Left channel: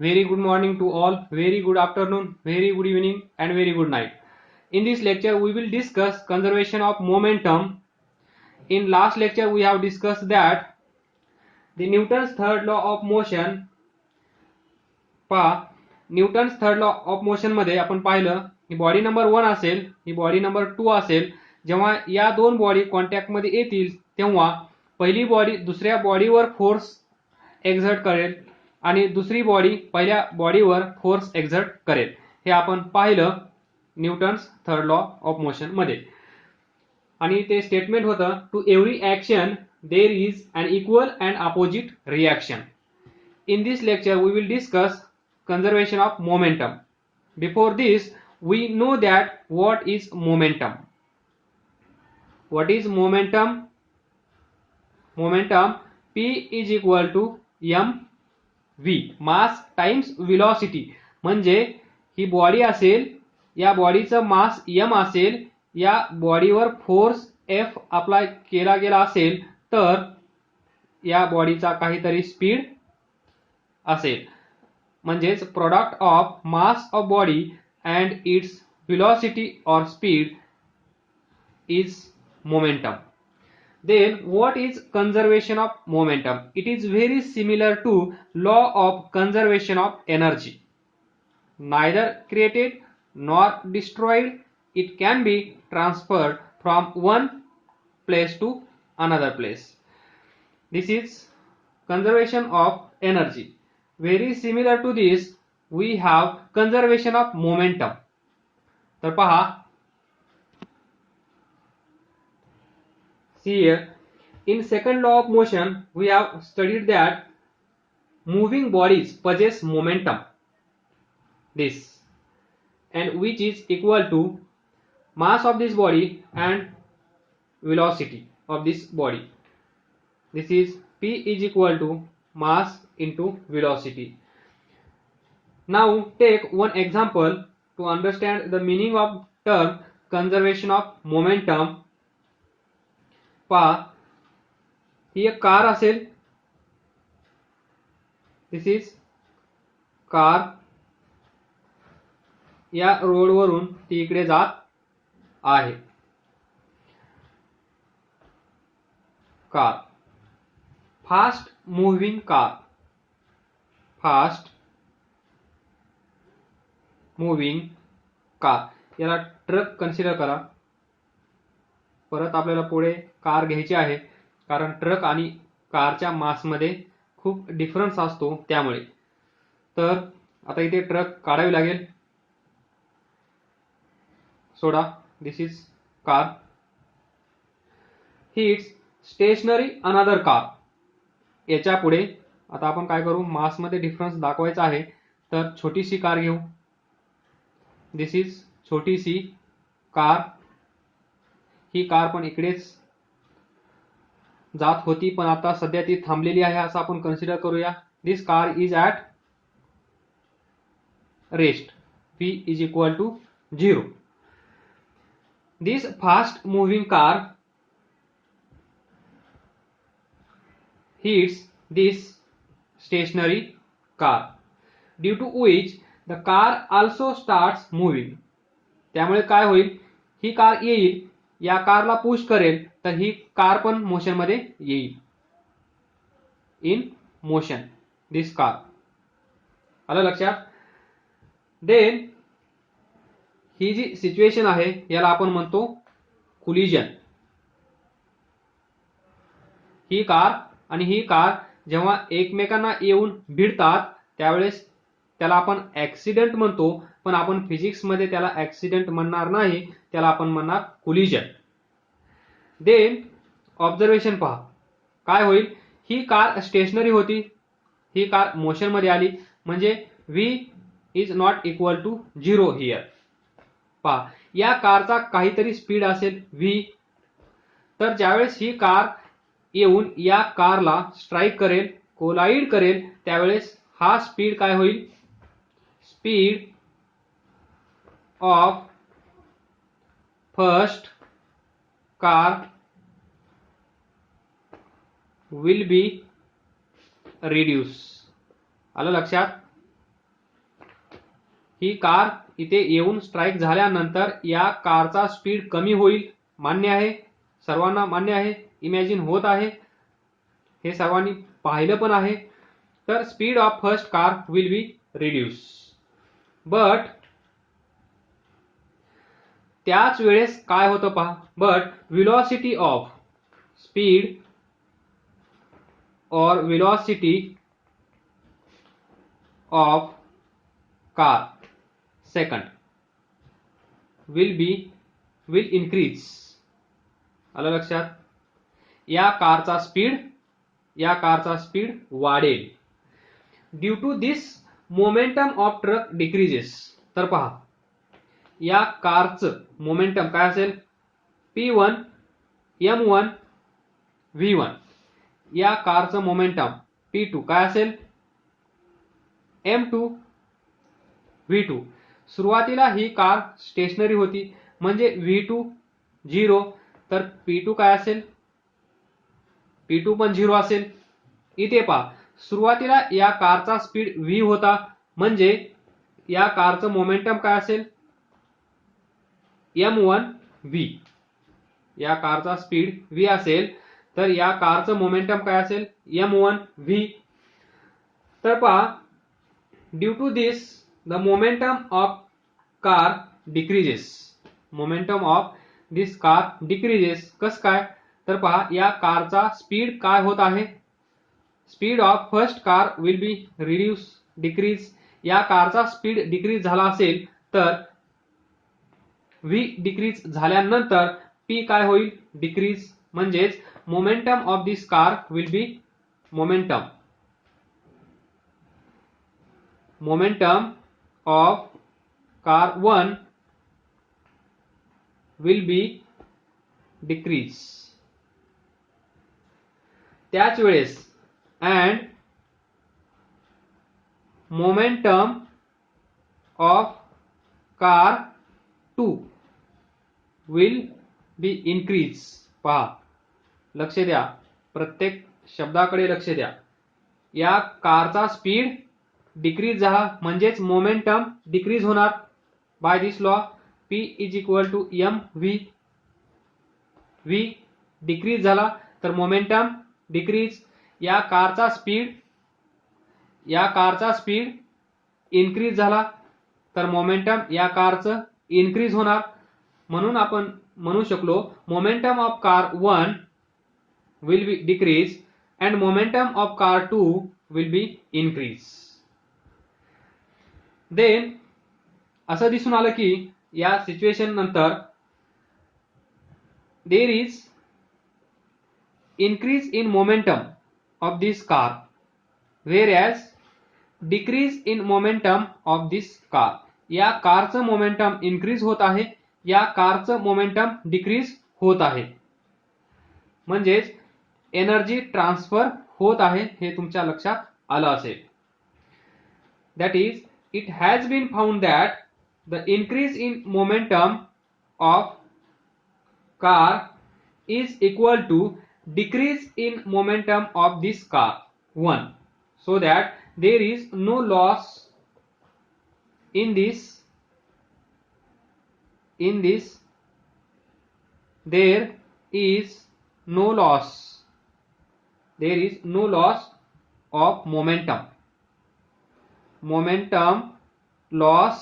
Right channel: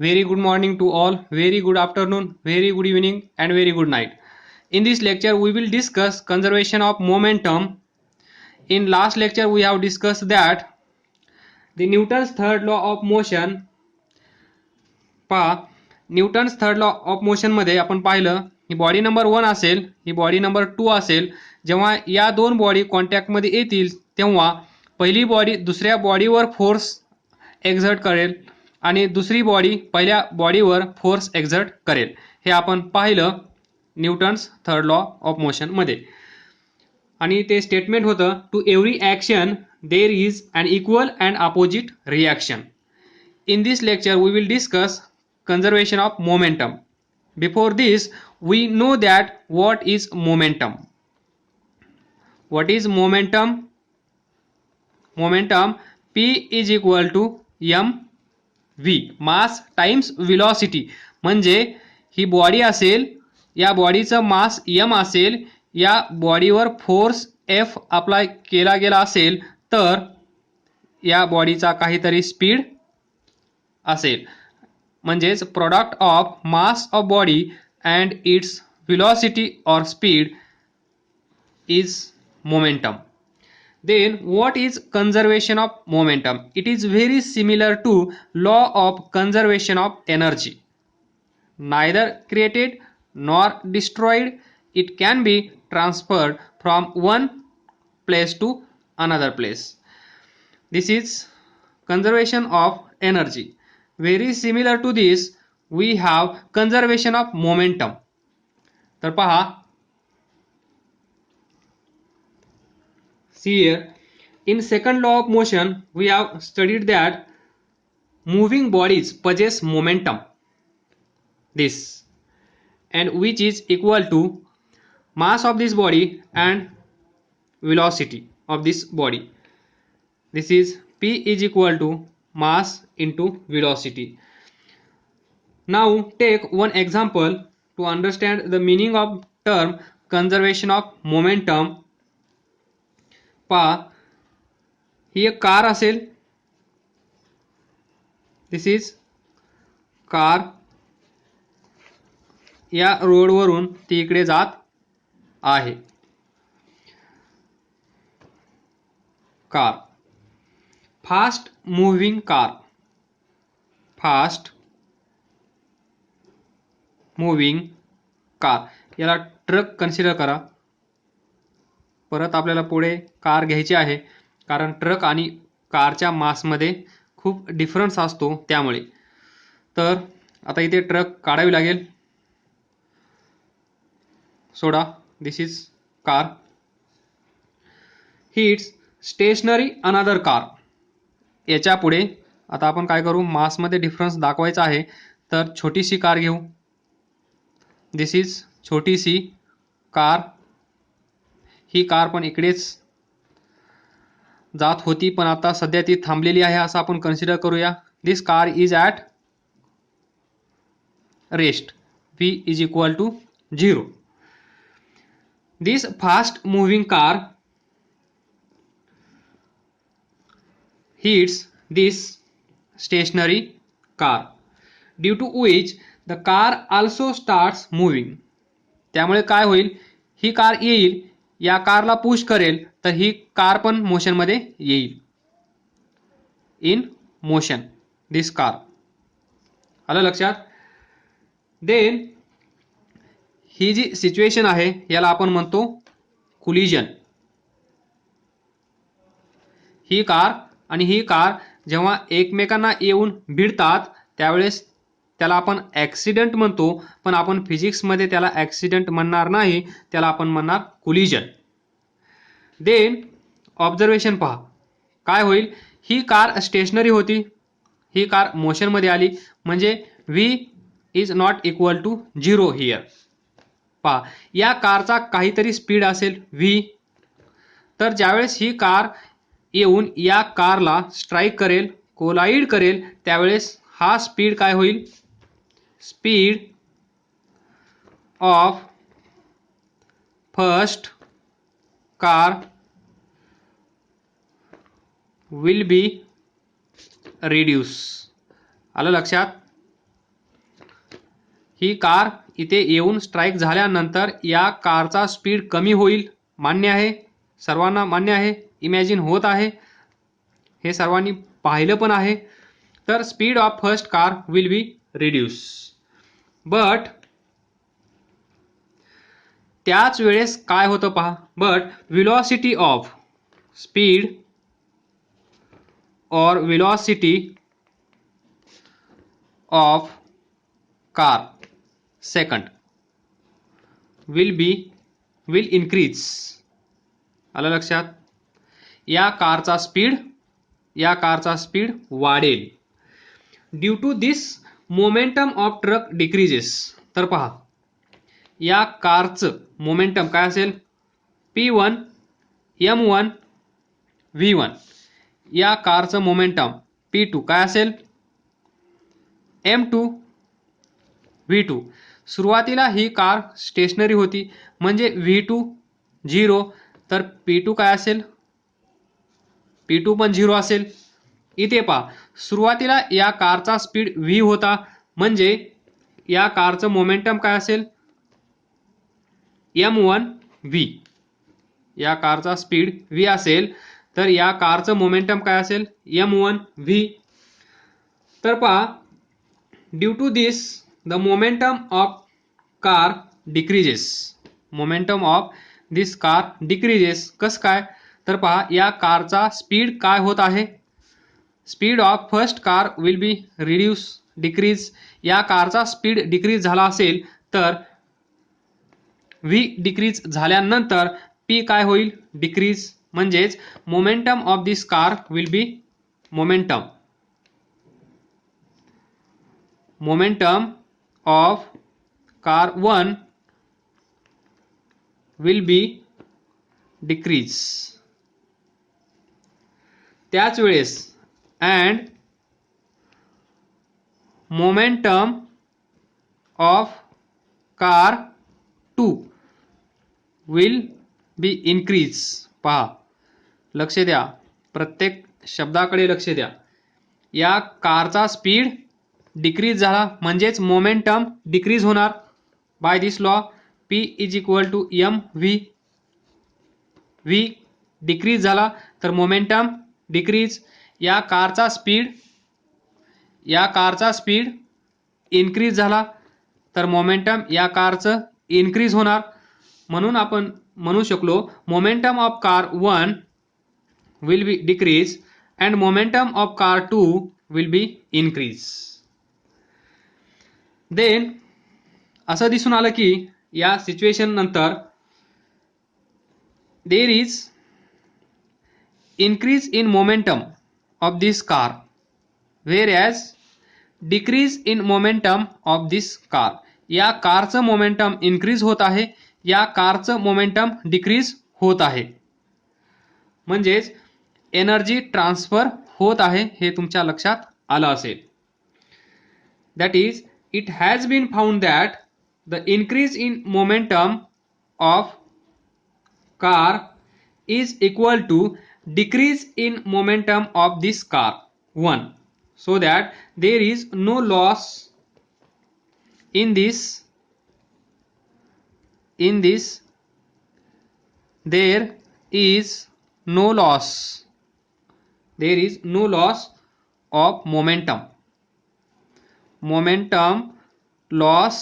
Very good morning to all, very good afternoon, very good evening, and very good night. In this lecture, we will discuss conservation of momentum. In last lecture, we have discussed that the Newton's third law of motion. पहा, Newton's third law of motion मध्ये आपण पाहिलं ही body number 1 असेल, ही body number 2 असेल. जेव्हा या दोन body contact मध्ये येतील तेव्हा पहिली बॉडी दुसऱ्या बॉडीवर फोर्स एक्झर्ट करेल आणि दुसरी बॉडी पहिल्या बॉडीवर फोर्स एक्झर्ट करेल. हे आपण पाहिलं Newton's third law of motion मध्ये. आणि ते स्टेटमेंट होतं, to every action there is an equal and opposite reaction. In this lecture, we will discuss conservation of momentum. Before this, we know that what is momentum. What is momentum? Momentum P is equal to mv, mass times velocity. म्हणजे ही body असेल, या बॉडीचं मास m असेल, या बॉडीवर force F apply केला गेला असेल तर या बॉडीचा काहीतरी स्पीड असेल. म्हणजेच product of mass of body and it's velocity or speed is momentum. Then what is conservation of momentum? It is very similar to law of conservation of energy. Neither created nor destroyed. It can be transferred from one place to another place. This is conservation of energy. Very similar to this, we have conservation of momentum. तर पहा, see here, in second law of motion we have studied that moving bodies possess momentum, this, and which is equal to mass of this body and velocity of this body. This is P is equal to mass into velocity. Now take one example to understand the meaning of term conservation of momentum. पहा, ही एक car असेल, this is car. या रोडवरून ती इकडे जात आहे. Car, fast moving car, fast moving car. याला ट्रक कन्सिडर करा. परत आपल्याला पुढे कार घ्यायची आहे कारण ट्रक आणि कारच्या मासमध्ये खूप डिफरन्स असतो त्यामुळे. तर आता इथे ट्रक काढावी लागेल. सोडा, this is car. Hits stationary another car. याच्या पुढे आता आपण काय करू, मासमध्ये डिफरन्स दाखवायचा आहे तर छोटीशी कार घेऊ. दिस इज छोटीशी कार. ही कार पण इकडेच जात होती पण आता सध्या ती थांबलेली आहे असं आपण कन्सिडर करूया. This car is at rest. v is equal to 0. This fast moving car hits this stationary car, due to which the car also starts moving. त्यामुळे काय होईल, ही कार येईल, या कारला पुश करेल तर ही कार पण मोशन मध्ये येईल. In motion this car. आलं लक्षात? देन ही जी सिच्युएशन आहे याला आपण म्हणतो कोलिजन. ही कार आणि ही कार जेव्हा एकमेकांना येऊन भिडतात त्यावेळेस त्याला आपण ॲक्सिडेंट म्हणतो, पण आपण फिजिक्समध्ये त्याला ॲक्सिडेंट म्हणणार नाही, त्याला आपण म्हणणार कोलिजन. देन ऑब्झर्वेशन पहा, काय होईल, ही कार स्टेशनरी होती, ही कार मोशनमध्ये आली, म्हणजे v is not equal to 0 here. पहा, या कारचा काहीतरी स्पीड असेल v. तर ज्यावेळेस ही कार येऊन या कारला स्ट्राईक करेल, कोलाइड करेल, त्यावेळेस हा स्पीड काय होईल, speed of first car will be reduce. आलं लक्षात? ही कार इथे येऊन स्ट्राईक झाल्यानंतर या कारचा स्पीड कमी होईल. मान्य आहे? सर्वांना मान्य आहे? इमॅजिन होत आहे? हे सर्वांनी पाहिलं पण आहे. तर speed of first car will be reduce. But त्याच वेळेस काय होतं पहा. बट व्हेलॉसिटी ऑफ स्पीड और velocity of car second will increase. आलं लक्षात? या कारचा स्पीड वाढेल. Due to this momentum of truck decreases. तर पहा, या कारचं मोमेंटम काय असेल? P1 M1 V1. या कारचं मोमेंटम P2 काय असेल? M2 V2. सुरुवातीला ही कार स्टेशनरी होती म्हणजे V2 0, तर P2 काय असेल? P2 पण 0 असेल. इथे पहा, सुरुवातीला या कारचा स्पीड V होता म्हणजे या कारचं मोमेंटम काय असेल? M1 V. या कारचा स्पीड V असेल तर या कारचं मोमेंटम काय असेल? M1 V. तर पहा, due to this the momentum of car decreases. Momentum of this car decreases. कस काय? तर पहा, या कारचा स्पीड काय होत आहे? Speed of first car will be reduce decrease. या कारचा स्पीड डिक्रीज झाला असेल तर V डिक्रीज झाल्यानंतर P काय होईल? डिक्रीज. म्हणजेच momentum of this car will be momentum of car 1 will be decrease. त्याच वेळेस and momentum of car 2 will be increase. पहा, लक्ष द्या, प्रत्येक शब्दाकडे लक्ष द्या. या कारचा स्पीड डिक्रीज झाला म्हणजेच मोमेंटम डिक्रीज होणार. By this law P is equal to MV. V decrease झाला तर मोमेंटम डिक्रीज. या कारचा स्पीड इन्क्रीज झाला तर मोमेंटम या कारचं इन्क्रीज होणार. म्हणून आपण म्हणू शकलो momentum of car 1 will be decrease and momentum of car 2 will be increase. Then असं दिसून आलं की या सिच्युएशन नंतर there is increase in momentum of this car whereas decrease in momentum of this car. या कारचं मोमेंटम इन्क्रीज होत आहे, या कारचं मोमेंटम डिक्रीज होत आहे. म्हणजेच एनर्जी ट्रान्सफर होत आहे हे तुमच्या लक्षात आलं असेल. That is it has been found that the increase in momentum of car is equal to decrease in momentum of this car 1, so that there is no loss in this there is no loss of momentum loss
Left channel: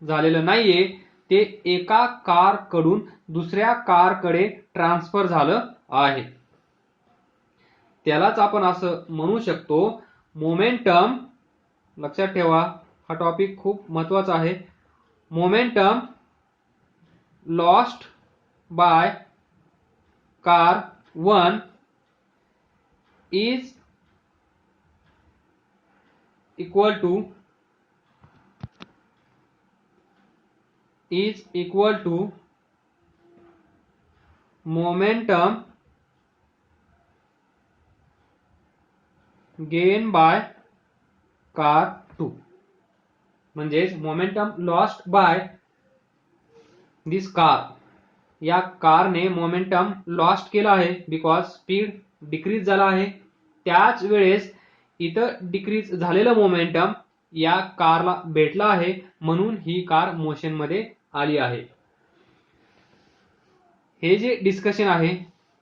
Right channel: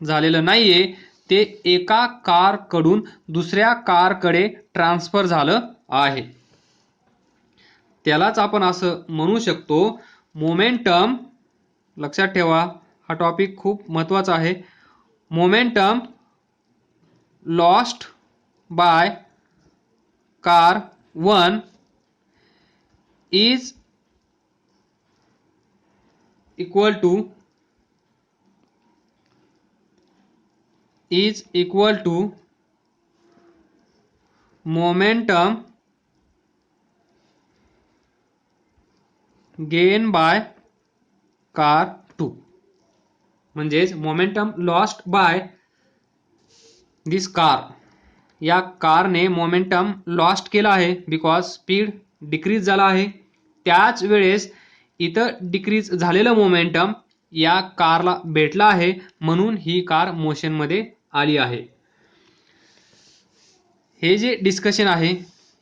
झालेलं नाहीये, ते एका car कडून दुसऱ्या car कडे transfer झालं आहे. त्यालाच आपण असं म्हणू शकतो मोमेंटम. लक्षात ठेवा, हा टॉपिक खूप महत्वाचा आहे. Momentum lost by car 1 is equal to momentum gain by car 2. म्हणजेच momentum lost by this car. या कारने मोमेंटम लॉस्ट केला आहे बिकॉज स्पीड डिक्रीज झाला आहे. त्याच वेळेस इथं डिक्रीज झालेलं मोमेंटम या कारला भेटला आहे म्हणून ही कार मोशनमध्ये आली आहे. हे जे डिस्कशन आहे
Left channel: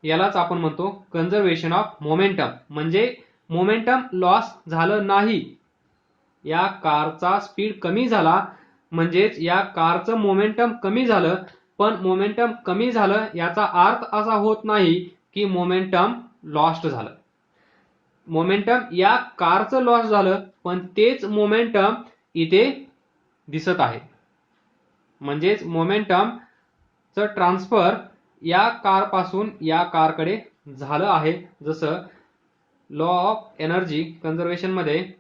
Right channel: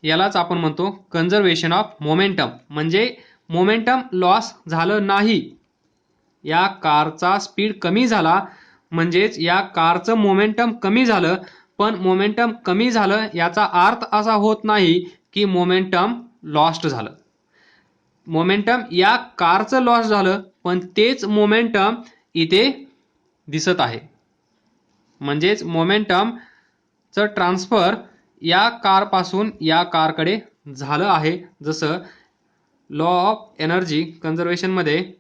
यालाच आपण म्हणतो कन्झर्वेशन ऑफ मोमेंटम. म्हणजे मोमेंटम लॉस झालं नाही, या कारचा स्पीड कमी झाला म्हणजेच या कारचं मोमेंटम कमी झालं, पण मोमेंटम कमी झालं याचा अर्थ असा होत नाही की मोमेंटम लॉस्ट झालं. मोमेंटम या कारचं लॉस झालं पण तेच मोमेंटम इथे दिसत आहे. म्हणजेच मोमेंटमचं ट्रान्सफर या कारपासून या कारकडे झालं आहे. जसं लॉ ऑफ एनर्जी कन्झर्वेशनमध्ये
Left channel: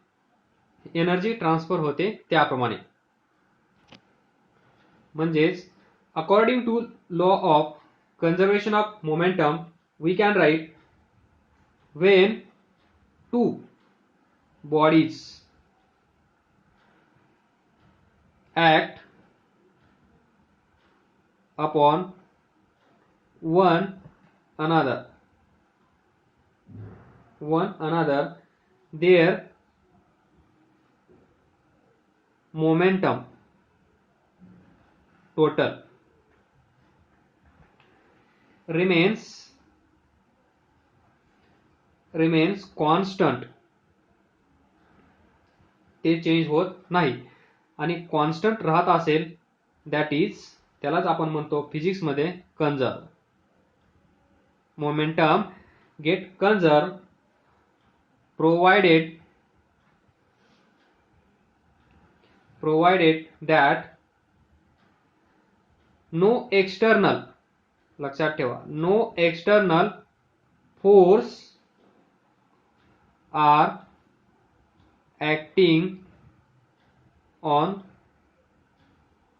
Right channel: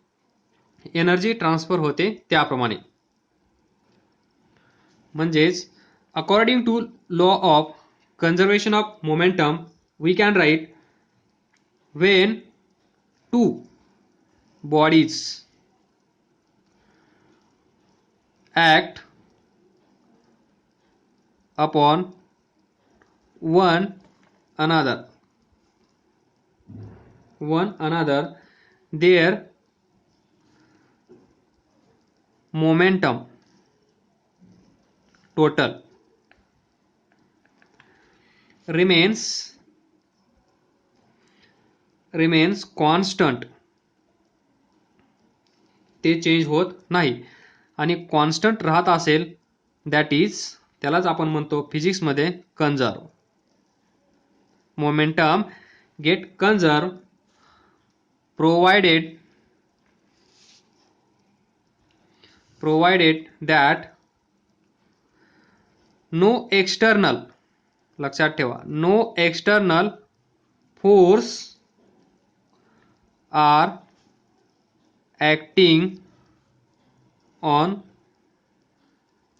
एनर्जी ट्रान्सफर होते त्याप्रमाणे. म्हणजेच according to law of conservation of momentum we can write when two bodies act upon one another their momentum total remains constant. ते चेंज होत नाही. आणि कॉन्स्टंट राहत असेल दॅट इज त्यालाच आपण म्हणतो फिजिक्समध्ये conserve. Momentum get conserve provided that no external, लक्षात ठेवा, no external force are acting on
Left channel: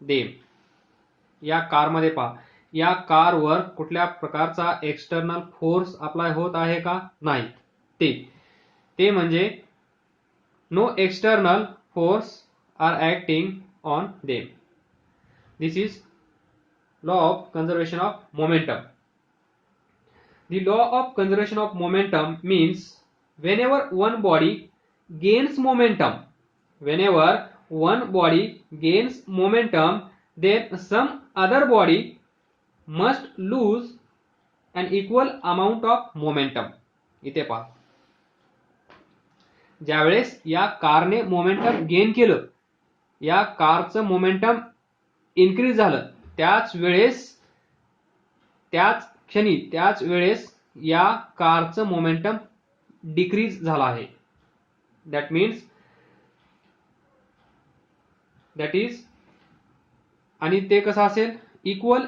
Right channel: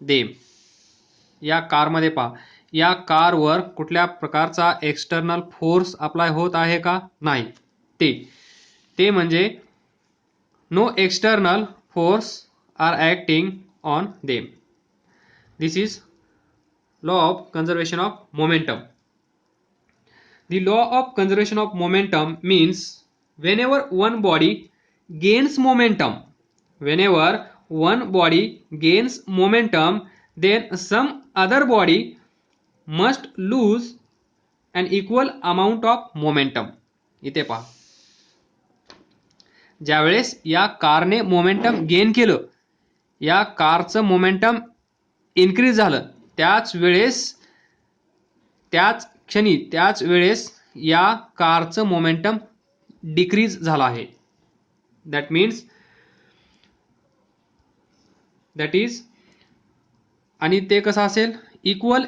them. या कारमध्ये पहा, या कारवर कुठल्या प्रकारचा एक्सटर्नल फोर्स अप्लाय होत आहे का? नाही. ते म्हणजे no external force are acting on them. This is law of conservation of momentum. The law of conservation of momentum means whenever one body gains momentum, then some other body must lose an equal amount of momentum. इथे पहा, ज्यावेळेस या कारने momentum gain केलं, या कारचं momentum increase झालं, त्याच वेळेस या कारचं मोमेंटम डिक्रीज झालं आहे. दॅट इज, आणि ते कसं असेल? Equal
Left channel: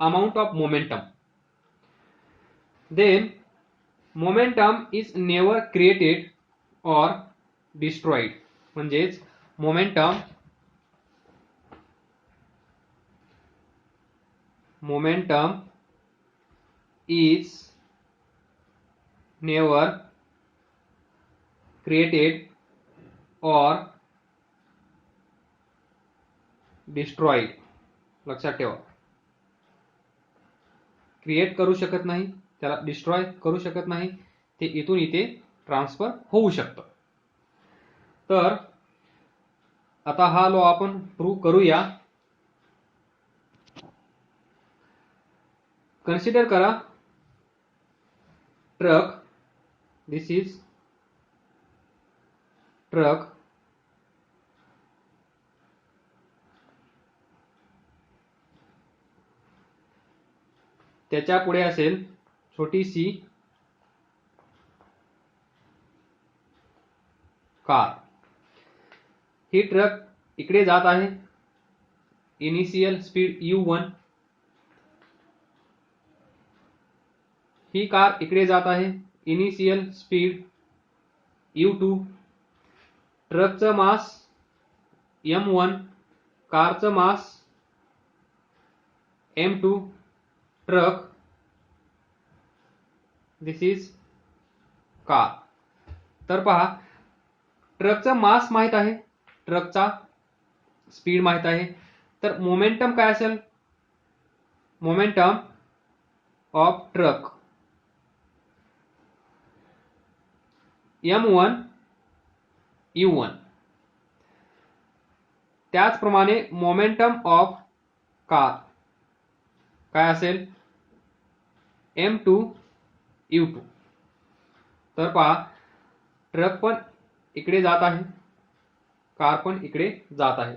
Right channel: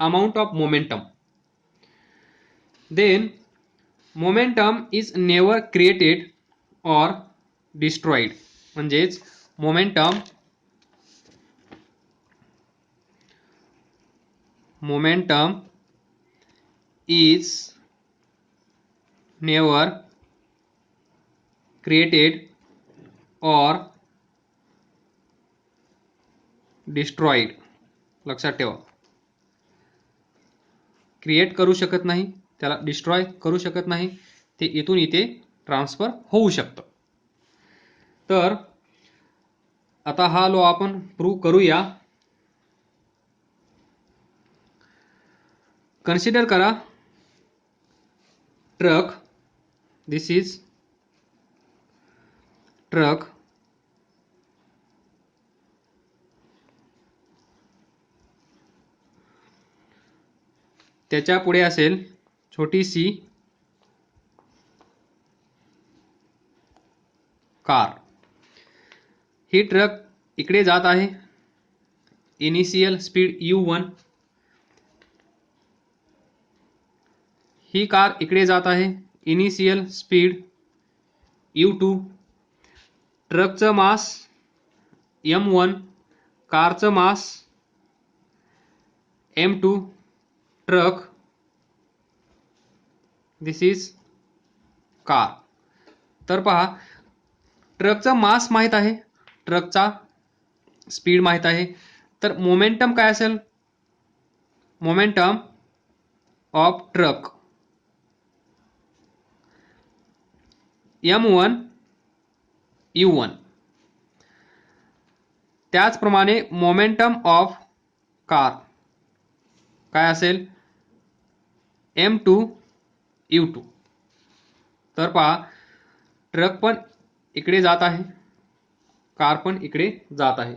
amount of momentum. Then momentum is never created or destroyed. म्हणजेच momentum is never created or destroyed. लक्षात ठेवा, क्रिएट करू शकत नाही, त्याला डिस्ट्रॉय करू शकत नाही, ते इथून इथे ट्रान्सफर होऊ शकतं. तर आता हा लॉ आपण प्रूव्ह करूया. कन्सिडर करा ट्रक. This is truck. त्याच्या पुढे असेल छोटीशी कार. ही ट्रक इकडे जात आहे, इनिशियल स्पीड u1. ही कार इकडे जात आहे, initial speed u2. ट्रकचं mass m1, कारचं मास m2. Truck, this is car. तर पहा, ट्रकचा मास माहित आहे, ट्रकचा स्पीड माहित आहे, तर मोमेंटम काय असेल? Momentum of truck m1 u1. त्याचप्रमाणे मोमेंटम ऑफ कार काय असेल m2 u2. तर पहा ट्रक पण इकडे जात आहे, कार पण इकडे जात आहे.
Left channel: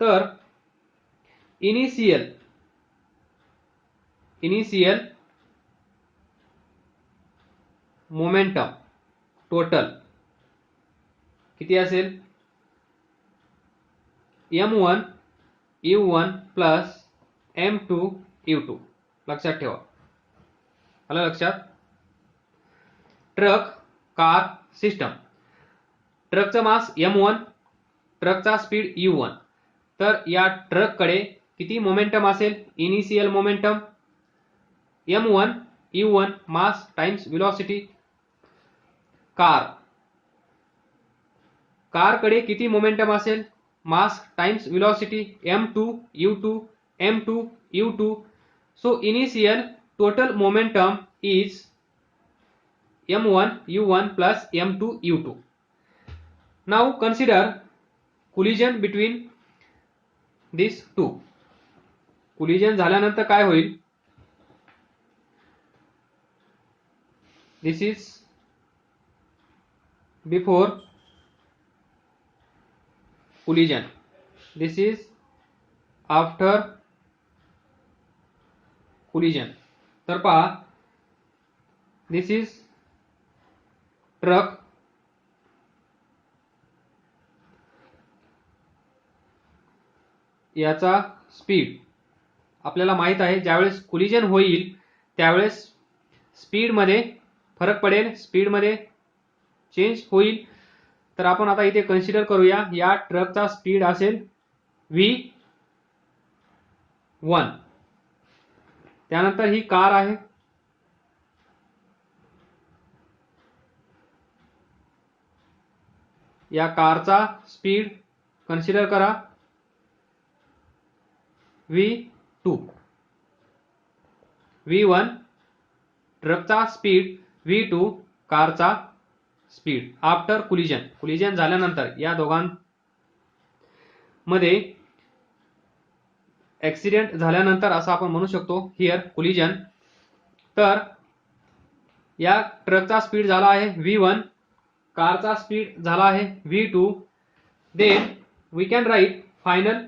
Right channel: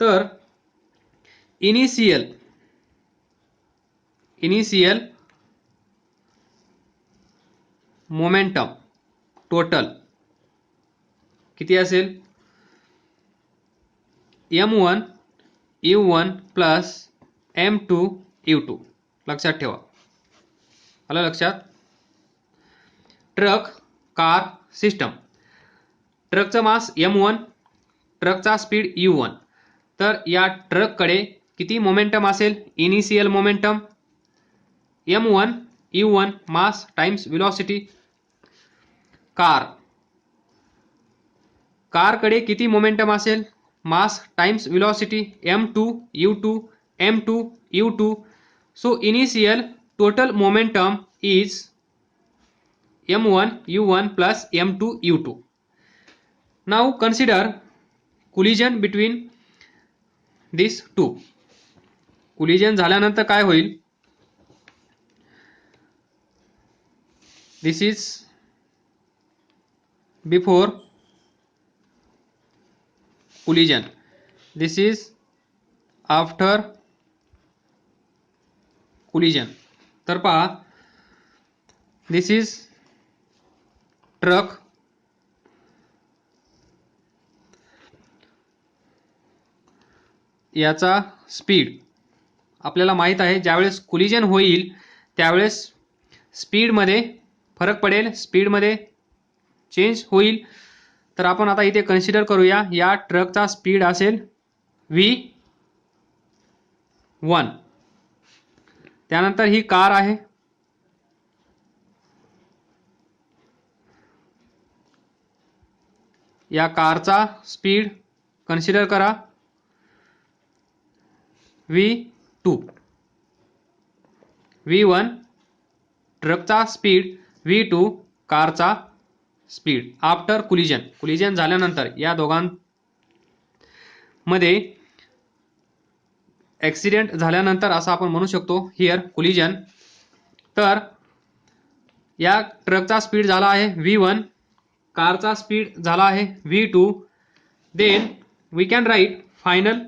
तर इनिशियल मोमेंटम टोटल किती असेल m1 u1 plus m2 u2. लक्षात ठेवा. आलं लक्षात. Truck car system. ट्रकचं मास m1, ट्रकचा स्पीड u1. तर या ट्रककडे किती मोमेंटम असेल initial momentum m1 u1 mass times velocity. कारकडे किती मोमेंटम असेल mass times velocity m2 u2 m2 u2. So initial total momentum is m1 u1 plus m2 u2. Now consider collision between these two. collision झाल्यानंतर काय होईल. This is before collision. This is after collision. तर पहा this is truck, याचा speed आपल्याला माहित आहे. ज्यावेळेस कोलिजन होईल त्यावेळेस स्पीडमध्ये फरक पडेल, स्पीडमध्ये चेंज होईल. तर आपण आता इथे कन्सिडर करूया या ट्रकचा स्पीड असेल v1. त्यानंतर ही कार आहे, या कारचा स्पीड कन्सिडर करा v2. v1 ट्रकचा स्पीड, v2 कारचा स्पीड आफ्टर कोलिजन झाल्यानंतर या दोघांमध्ये ॲक्सिडेंट झाल्यानंतर असं आपण म्हणू शकतो हिअर कोलिजन. तर या ट्रकचा स्पीड झाला आहे v1, कारचा स्पीड झाला आहे v2. Then we can write final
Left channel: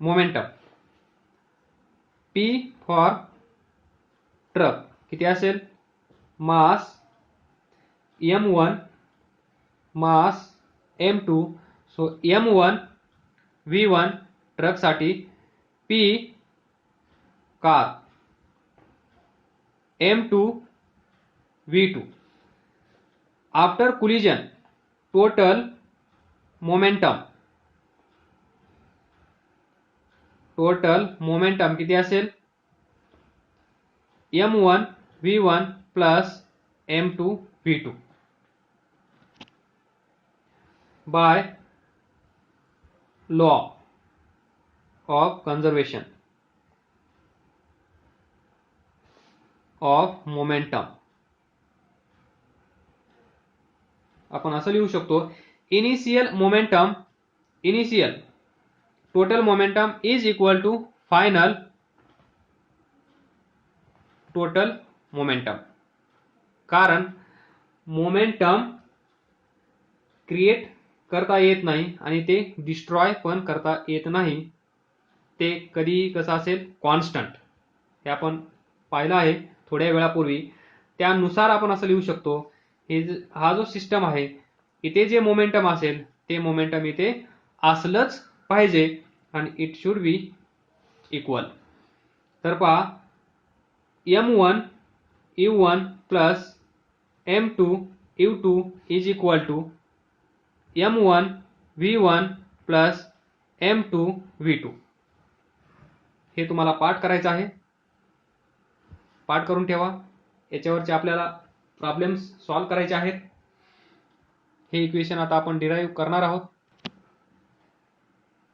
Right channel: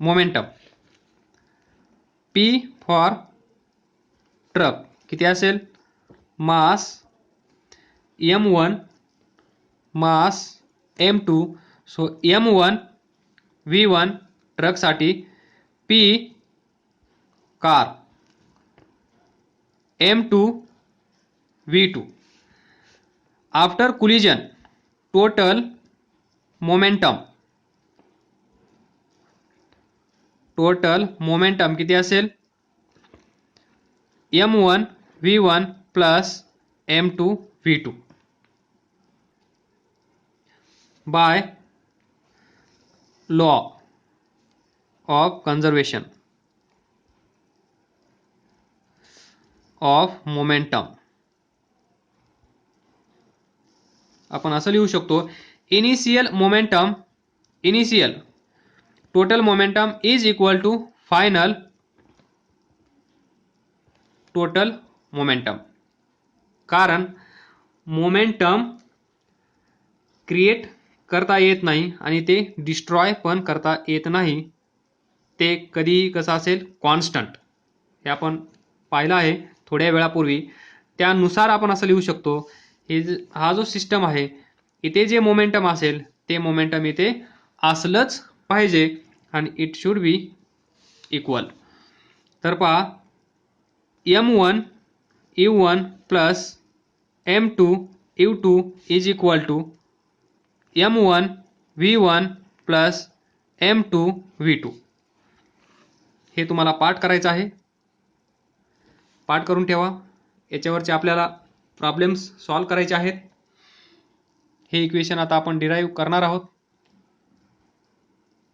momentum P for truck किती असेल mass m1 mass m2. So m1 v1 ट्रकसाठी, P car m2 v2. After collision total momentum किती असेल m1 v1 plus m2 v2 by law of conservation of momentum. आपण असं लिहू शकतो initial total momentum is equal to final total momentum. कारण momentum create करता येत नाही आणि ते डिस्ट्रॉय पण करता येत नाही. ते कधी कसं असेल कॉन्स्टंट, हे आपण पाहिलं आहे थोड्या वेळापूर्वी. त्यानुसार आपण असं लिहू शकतो हा जो सिस्टम आहे इथे जे मोमेंटम असेल ते मोमेंटम इथे असलंच पाहिजे आणि इट शुड बी इक्वल. तर पहा m1 u1 plus m2 u2 is equal to m1 v1 plus m2 v2. हे तुम्हाला पाठ करायचं आहे, पाठ करून ठेवा. याच्यावरचे आपल्याला प्रॉब्लेम्स सॉल्व करायचे आहेत. हे इक्वेशन आता आपण डिराईव्ह करणार आहोत.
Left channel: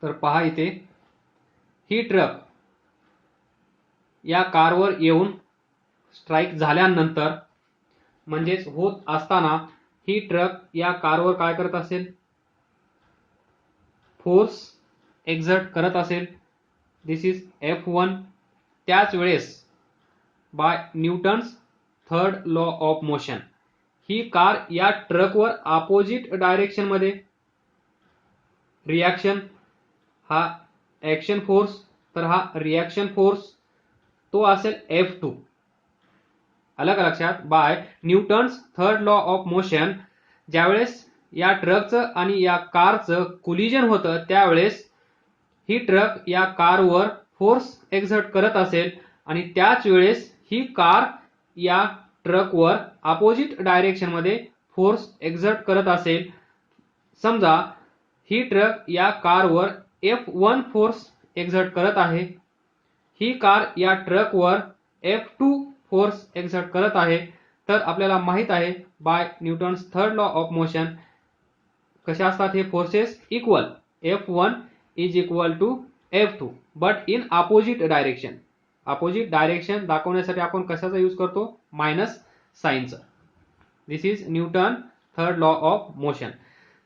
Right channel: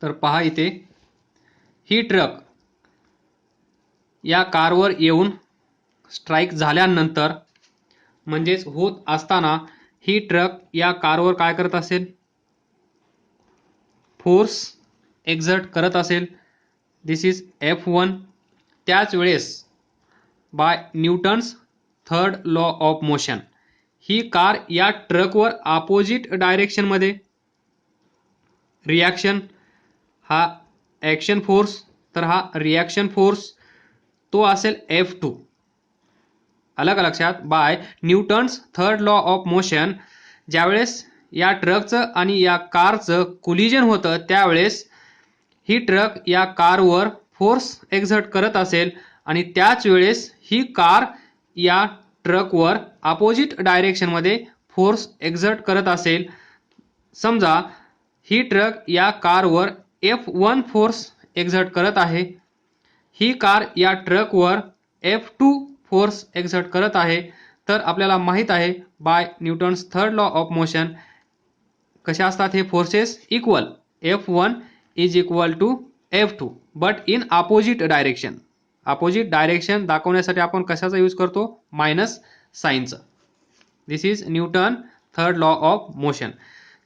तर पहा इथे ही ट्रक या कारवर येऊन स्ट्राईक झाल्यानंतर म्हणजेच होत असताना ही ट्रक या कारवर काय करत असेल, फोर्स एक्झर्ट करत असेल. This is F1. त्याच वेळेस by Newton's third law of motion ही कार या ट्रकवर अपोजिट डायरेक्शन मध्ये रिॲक्शन, हा ॲक्शन फोर्स तर हा रिॲक्शन फोर्स तो असेल F2. अलग का लक्षात? By Newton's third law of motion ज्यावेळेस या ट्रकचं आणि या कारचं कोलिजन होतं त्यावेळेस ही ट्रक या कारवर फोर्स एक्झर्ट करत असेल आणि त्याच वेळेस ही कार या ट्रकवर अपोजिट डायरेक्शन मध्ये फोर्स एक्झर्ट करत असेल. समजा ही ट्रक या कारवर F1 फोर्स एक्झर्ट करत आहे, ही कार या ट्रकवर F2 फोर्स एक्झर्ट करत आहे. तर आपल्याला माहित आहे by Newton's third law of motion कशा असतात हे forces, equal. F1 is equal to F2 but in opposite direction. Opposite direction दाखवण्यासाठी आपण कशाचा यूज करतो, मायनस साइनचा. This is Newton third law of motion.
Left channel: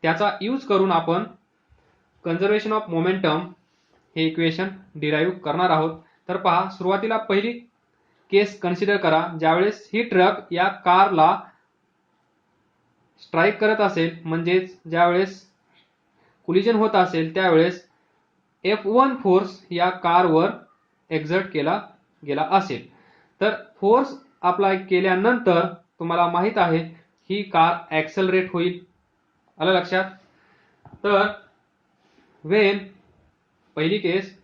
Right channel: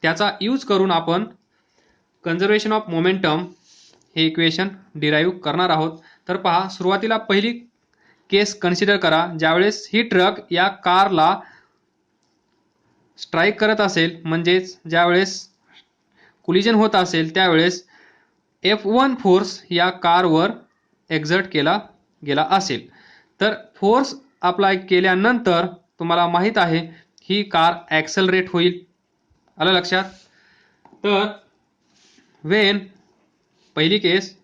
त्याचा यूज करून आपण कन्झर्वेशन ऑफ मोमेंटम हे इक्वेशन डिराईव्ह करणार आहोत. तर पहा, सुरुवातीला पहिली केस कन्सिडर करा ज्यावेळेस ही ट्रक या कारला स्ट्राईक करत असेल, म्हणजेच ज्यावेळेस कोलिजन होत असेल त्यावेळेस F1 फोर्स या कारवर एक्झर्ट केला गेला असेल. तर फोर्स अप्लाय केल्यानंतर तुम्हाला माहित आहे ही कार ॲक्सेलरेट होईल. आलं लक्षात? तर वेन, पहिली case,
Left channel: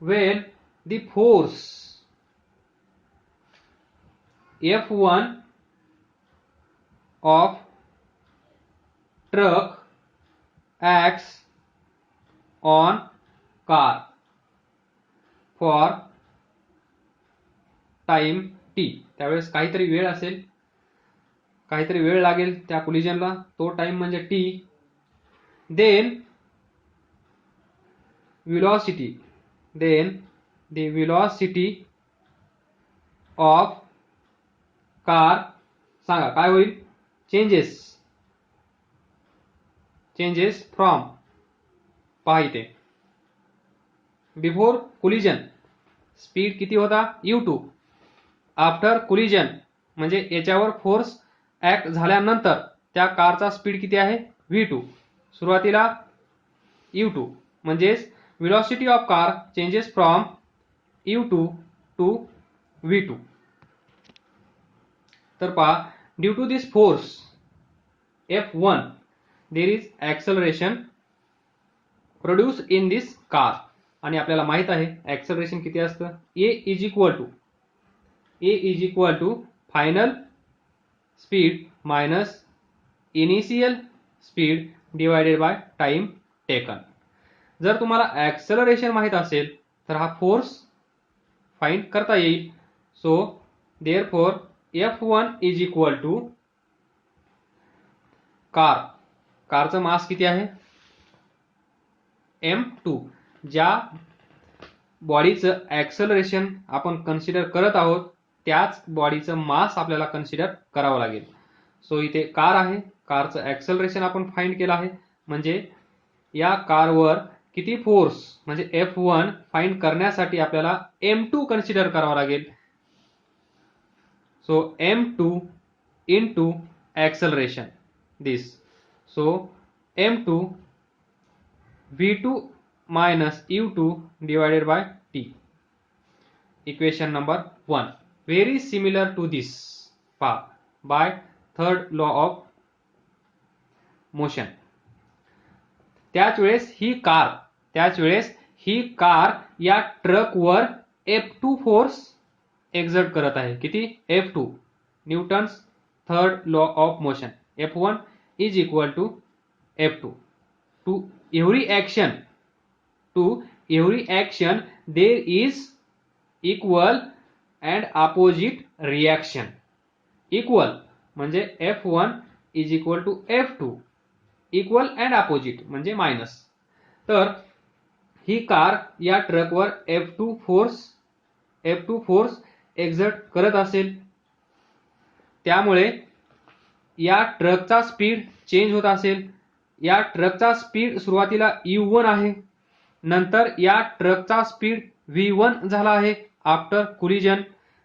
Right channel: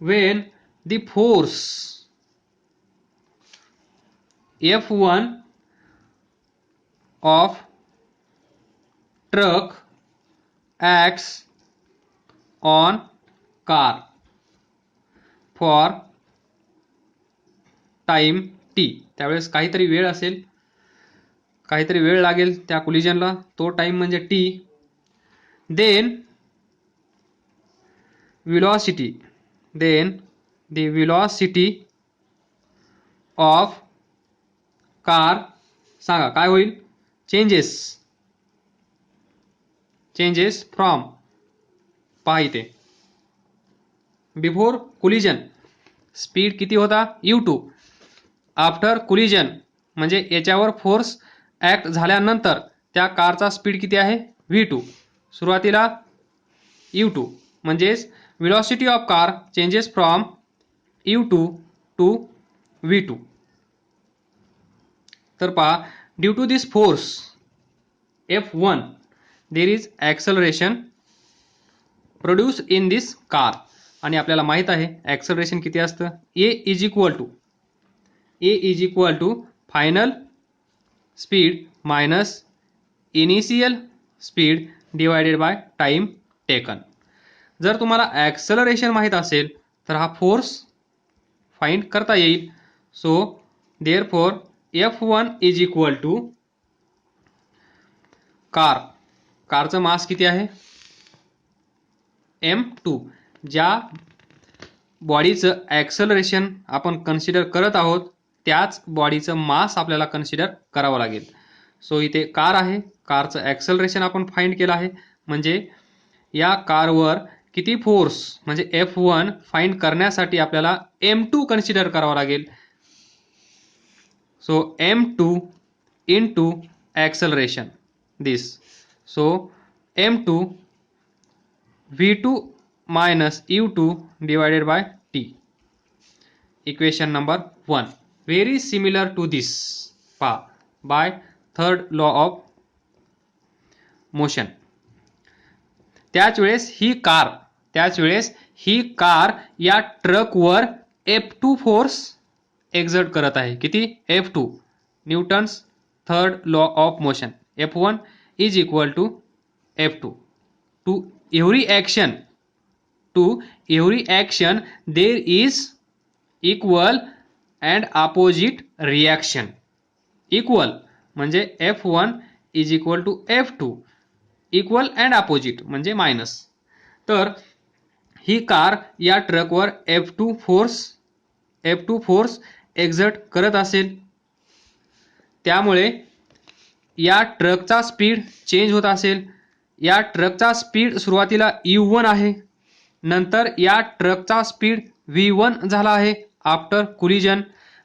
when the force F1 of truck acts on car for time t, त्यावेळेस काहीतरी वेळ असेल, काहीतरी वेळ लागेल त्या कोलिजनला, तो टाइम म्हणजे t. Then velocity, then the velocity of car सांगा काय होईल, चेंजेस फ्रॉम, पहा इथे बिफोर कोलिजन स्पीड किती होता, u2. आफ्टर कोलिजन म्हणजे याच्यावर फोर्स ऍक्ट झाल्यानंतर त्या कारचा स्पीड किती आहे, v2. सुरुवातीला u2 म्हणजेच velocity of car changes from u2 to v2. तर पहा, due to this force F1 there is acceleration produce in this car. आणि आपल्याला माहित आहे ॲक्सेलरेशन किती असतं, A is equal to final speed minus initial speed divided by time taken. जर तुम्हाला ॲक्सेलरेशन माहित असेल तर हा फोर्स फाइंड करता येईल. So therefore F1 is equal to कारचं मास किती आहे, m2. ज्या बॉडीचं ॲक्सेलरेशन आपण कन्सिडर करत आहोत त्याच बॉडीचं मास आपल्याला कन्सिडर करावं लागेल. सो इथे कार आहे, कारचं ॲक्सेलरेशन आपण फाइंड केलं आहे, म्हणजे या कारवर किती फोर्स म्हणजे F1 फाइंड करण्यासाठी आपल्याला m2 कन्सिडर करावं लागेल. So m2 into acceleration this. So m2 v2 minus u2 divided by t. Equation number 1 very similar to this by third law of motion. त्याच वेळेस ही कार या ट्रकवर F2 फोर्स एक्झर्ट करत आहे. किती, F2. Newton's third law of motion. F1 is equal to F2. To every action there is equal and opposite reaction. Equal म्हणजे F1 is equal to F2, equal and opposite म्हणजे minus. तर ही car या ट्रकवर F2 force exert करत असेल त्यामुळे या ट्रकचा स्पीड चेंज होत असेल. या ट्रकचा स्पीड सुरुवातीला u1 आहे, नंतर या ट्रकचा स्पीड v1 झाला आहे आफ्टर कोलिजन.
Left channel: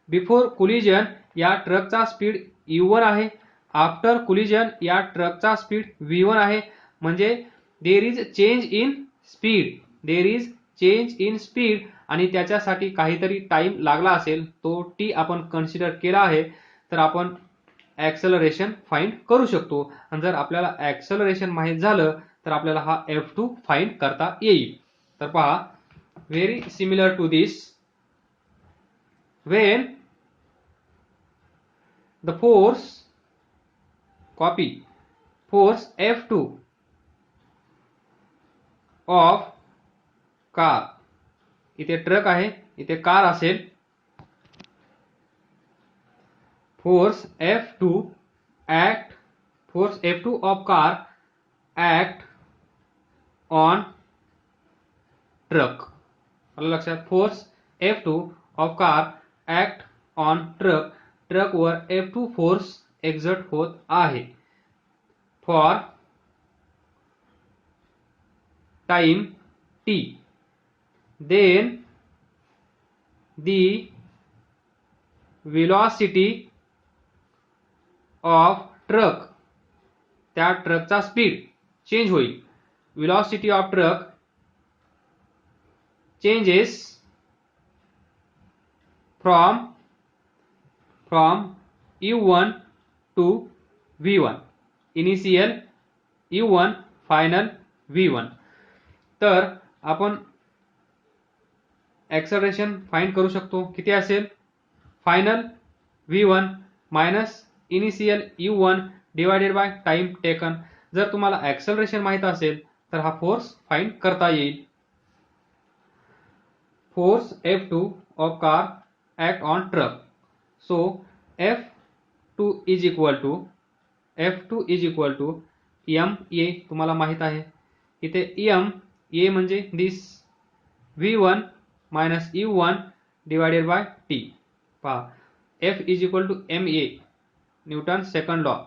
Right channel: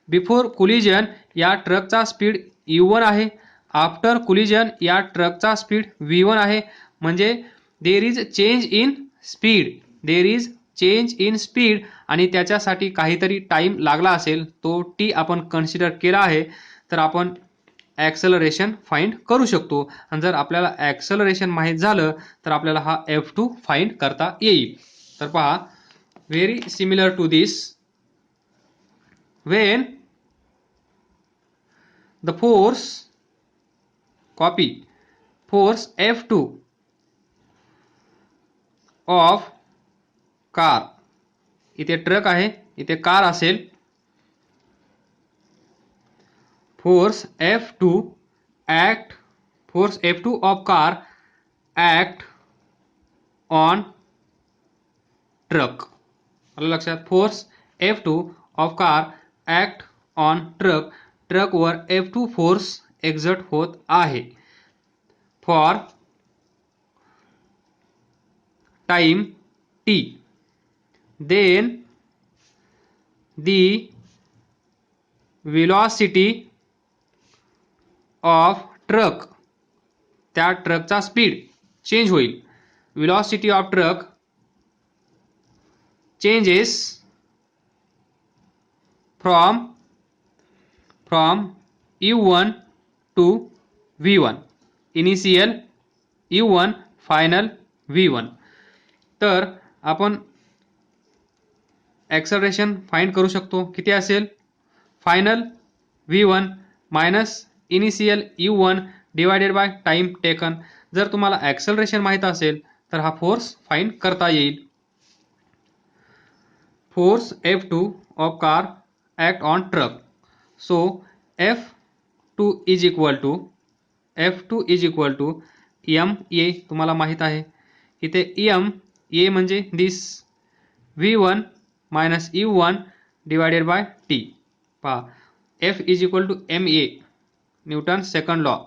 बिफोर कोलिजन या ट्रकचा स्पीड u1 आहे, आफ्टर कोलिजन या ट्रकचा स्पीड v1 आहे. म्हणजे there is change in speed, there is change in speed, आणि त्याच्यासाठी काहीतरी टाइम लागला असेल, तो t आपण कन्सिडर केला आहे. तर आपण ॲक्सलरेशन फाइंड करू शकतो. आणि जर आपल्याला ॲक्सलरेशन माहीत झालं तर आपल्याला हा F2 फाइंड करता येईल. तर पहा, very similar to this, when the force, copy, force F2 of car, इथे ट्रक आहे, इथे कार असेल, force F2 of car act on truck. आलं लक्षात? Force F2 of car act on truck, ट्रकवर F2 फोर्स एक्झर्ट होत आहे for time t. then the velocity of truck, त्या ट्रकचा स्पीड चेंज होईल. velocity of truck changes from u1 to v1, initial u1 final v1. तर आपण acceleration find करू शकतो. किती असेल? Final v1 minus initial u1 divided by time taken. जर तुम्हाला ॲक्सलरेशन माहित असेल तर हा फोर्स फाइंड करता येईल. Force F2 of car act on truck. So F2 is equal to ma, तुम्हाला माहित आहे. इथे ma म्हणजे this v1 minus u1 divided by t. पहा, F is equal to ma, Newton second law.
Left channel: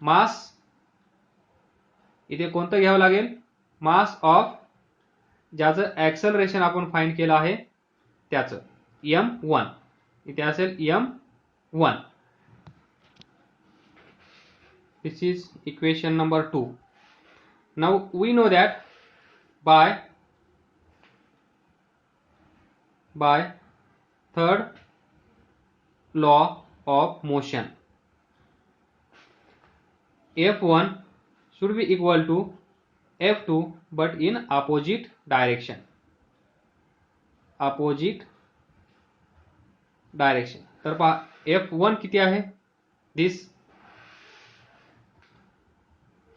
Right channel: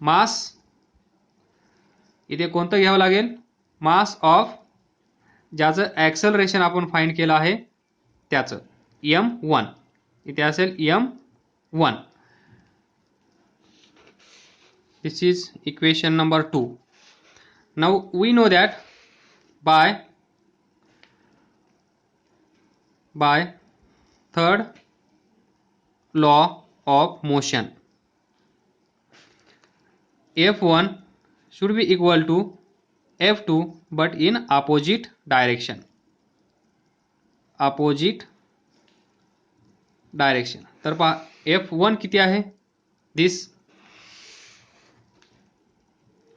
Mass इथे कोणतं घ्यावं लागेल? मास ऑफ ज्याचं ॲक्सलरेशन आपण फाइंड केलं आहे त्याचं, m1. इथे असेल m1. This is equation number 2. Now we know that by third law of motion, F1 should be equal to F2 but in opposite direction. तर पहा, F1 किती आहे? This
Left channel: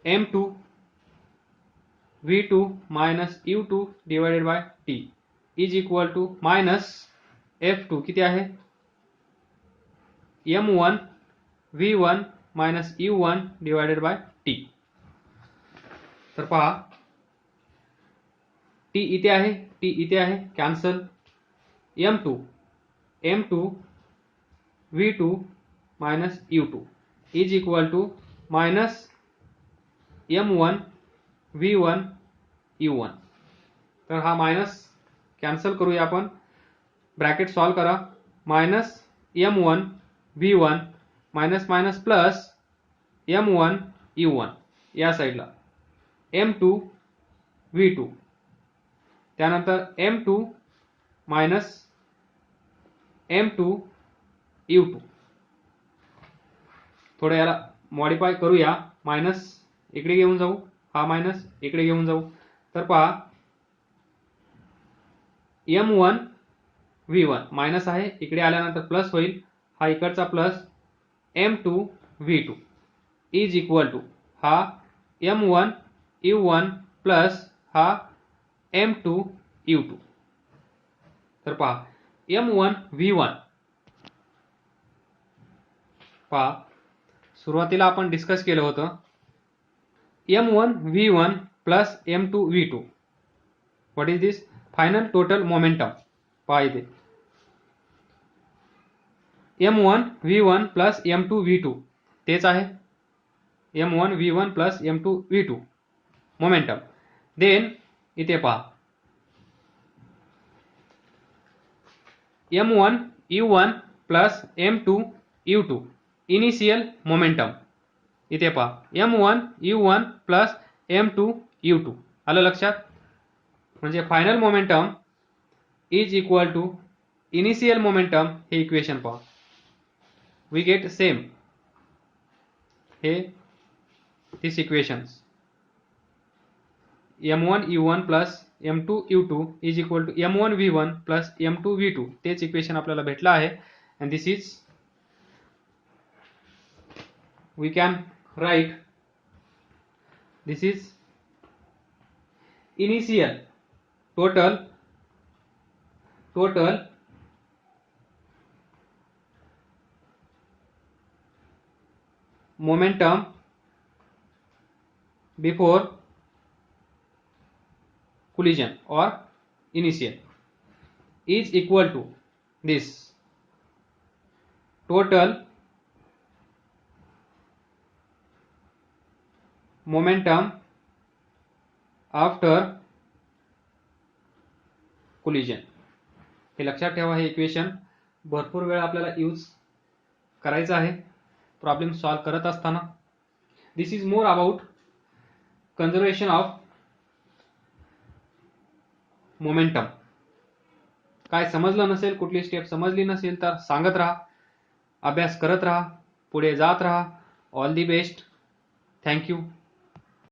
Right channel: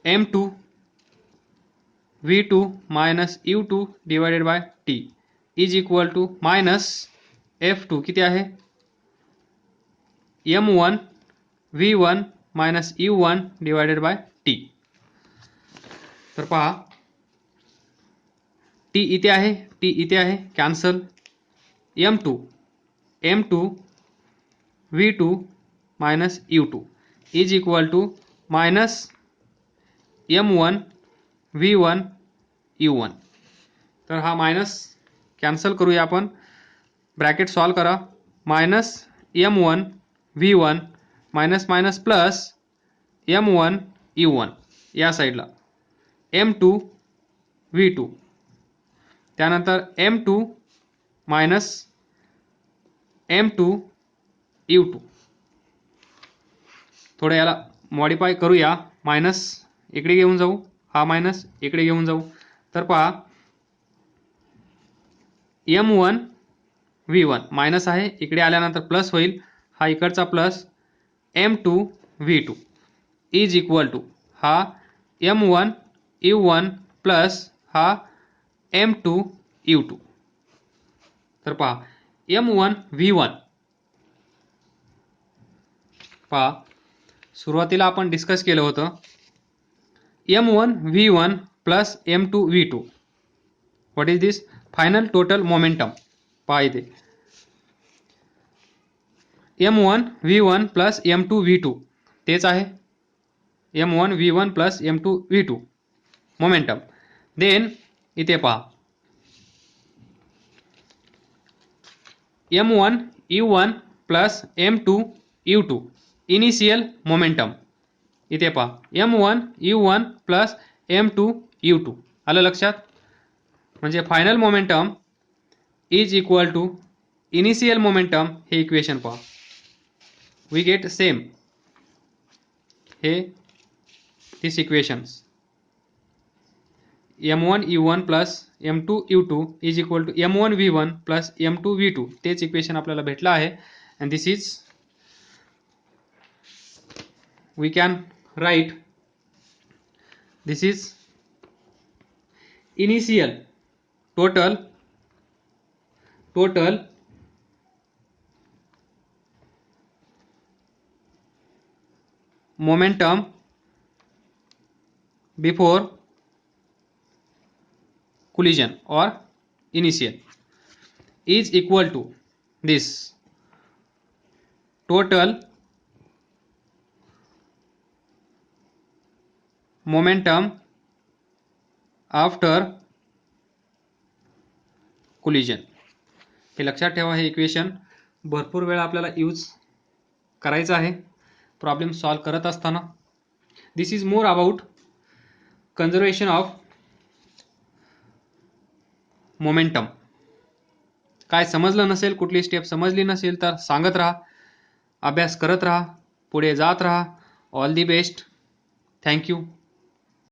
m2 v2 minus u2 divided by t is equal to minus F2 किती आहे? m1 v1 minus u1 divided by t. तर पहा, t इथे आहे, cancel. m2 v2 minus u2 is equal to minus m1 v1 u1. तर हा minus cancel करूया आपण, ब्रॅकेट सॉल्व करा. Minus m1 v1 minus minus plus m1 u1 या साईडला, m2 v2, त्यानंतर m2 मायनस m2 u2. थोडं याला मॉडिफाय करूया. मायनस इकडे घेऊन जाऊ, हा मायनस इकडे घेऊन जाऊ. तर पहा, m1 v1 मायनस आहे, इकडे आल्यानंतर प्लस होईल, हा इकडचा plus m2 v2 is equal to हा m1 u1 प्लस हा m2 u2. तर पहा, m1 v1 पहा, सुरुवातीला आपण डिस्कस केलं होतं m1 v1 plus m2 v2. What is this? Final total momentum. पहा इथे M1 V1 plus M2 V2 तेच आहे M1 V1 plus M2 V2 momentum. Then इथे पहा M1 U1 plus M2 U2 initial momentum. इथे पहा M1 U1 plus M2 U2 आलं लक्षात. म्हणजे final momentum is equal to initial momentum. हे इक्वेशन पहा, वी गेट सेम हे this equations M1 U1 plus M2 U2 is equal to M1 V1 plus M2 V2 तेच equation आपल्याला भेटलं आहे. And this is we can write this is initial total momentum before collision or initial is equal to this total momentum after collision. हे लक्षात ठेवा. हे equation भरपूर वेळा आपल्याला यूज करायचं आहे प्रॉब्लेम सॉल्व करत असताना. This is more about conservation of momentum. काय समजलं नसेल, कुठली स्टेप समजली नसेल तर सांगत राहा, अभ्यास करत राहा, पुढे जात राहा. All the best. थँक्यू.